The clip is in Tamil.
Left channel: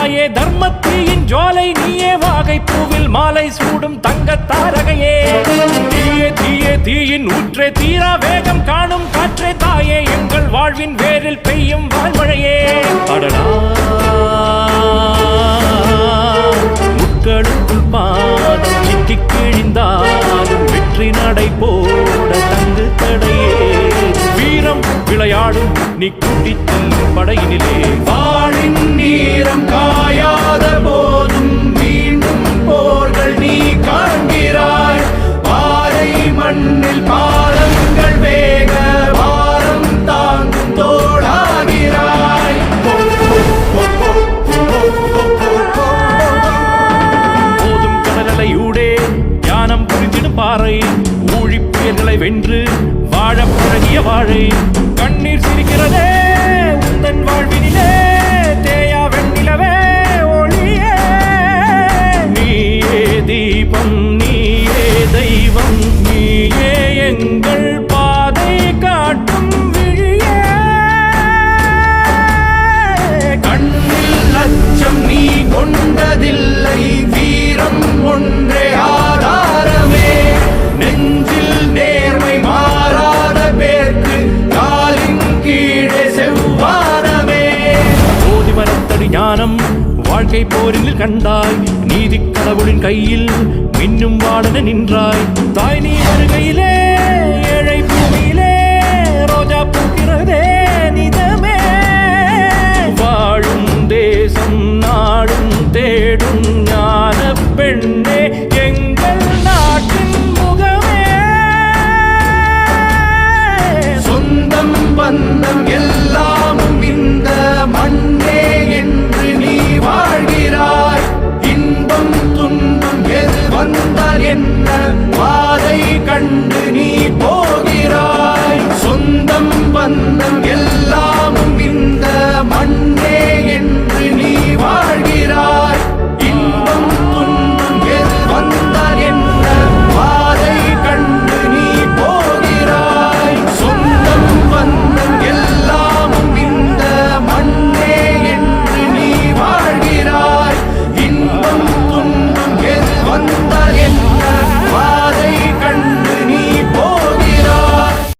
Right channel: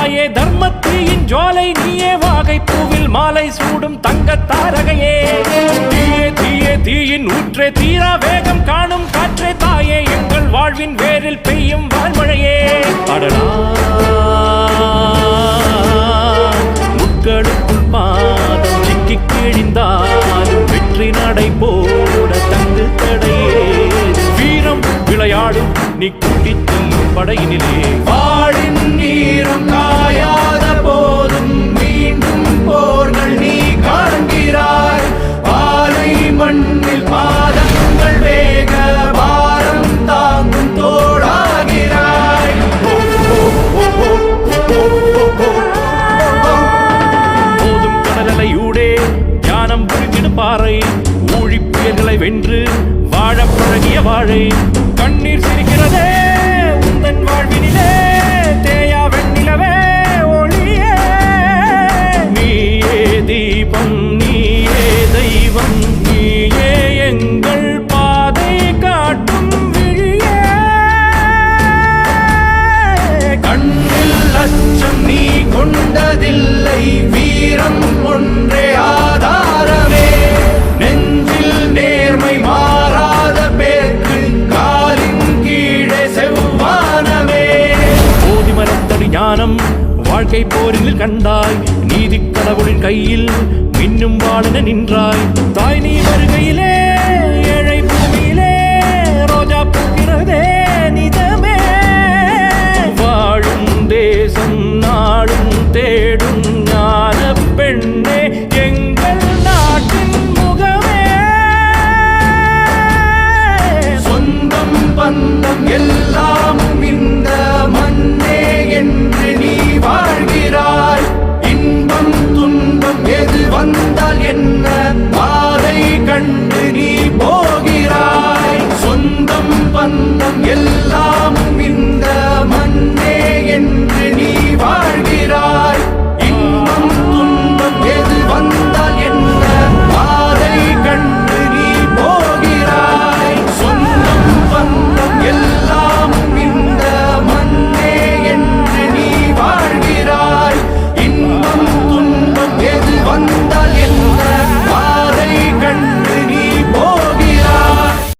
தாயே தர்மத்தீயின் ஜுவாலை நீயே வாகை பூவில் மாலை சூடும் தங்க தாரகையே. தீயே தீயே தீயின் ஊற்றே தீரா வேகம் காணும் காற்றே தாயே எங்கள் வாழ்வின் வேரில் பெய்யும் வாழ்மழையே அடடா முட்களுக்குள் பாதம் சிக்கி கிழிந்தாலும் வெற்றி நடை போட தங்கு தடையே. வீரம் விளையாடும் நீ கூட்டிச் செல்லும் படையினிலே. வா பாறை ஊழி வென்று வாழ பழகிய வாழை கண்ணீர் சிரிக்கிறதே உந்தன் வாழ்வினிலே தேயா வெண்ணிலவே ஒளியே. நீயே தீபம் நீயே தெய்வம் அமரத்தடி ஞானம். வாழ்க்கை போரில் கண்டாய் நீதி கடவுளின் கையில் மின்னும் வாழன நின்றாய். தாய் நீ வருகையிலே ஏழை பூமியிலே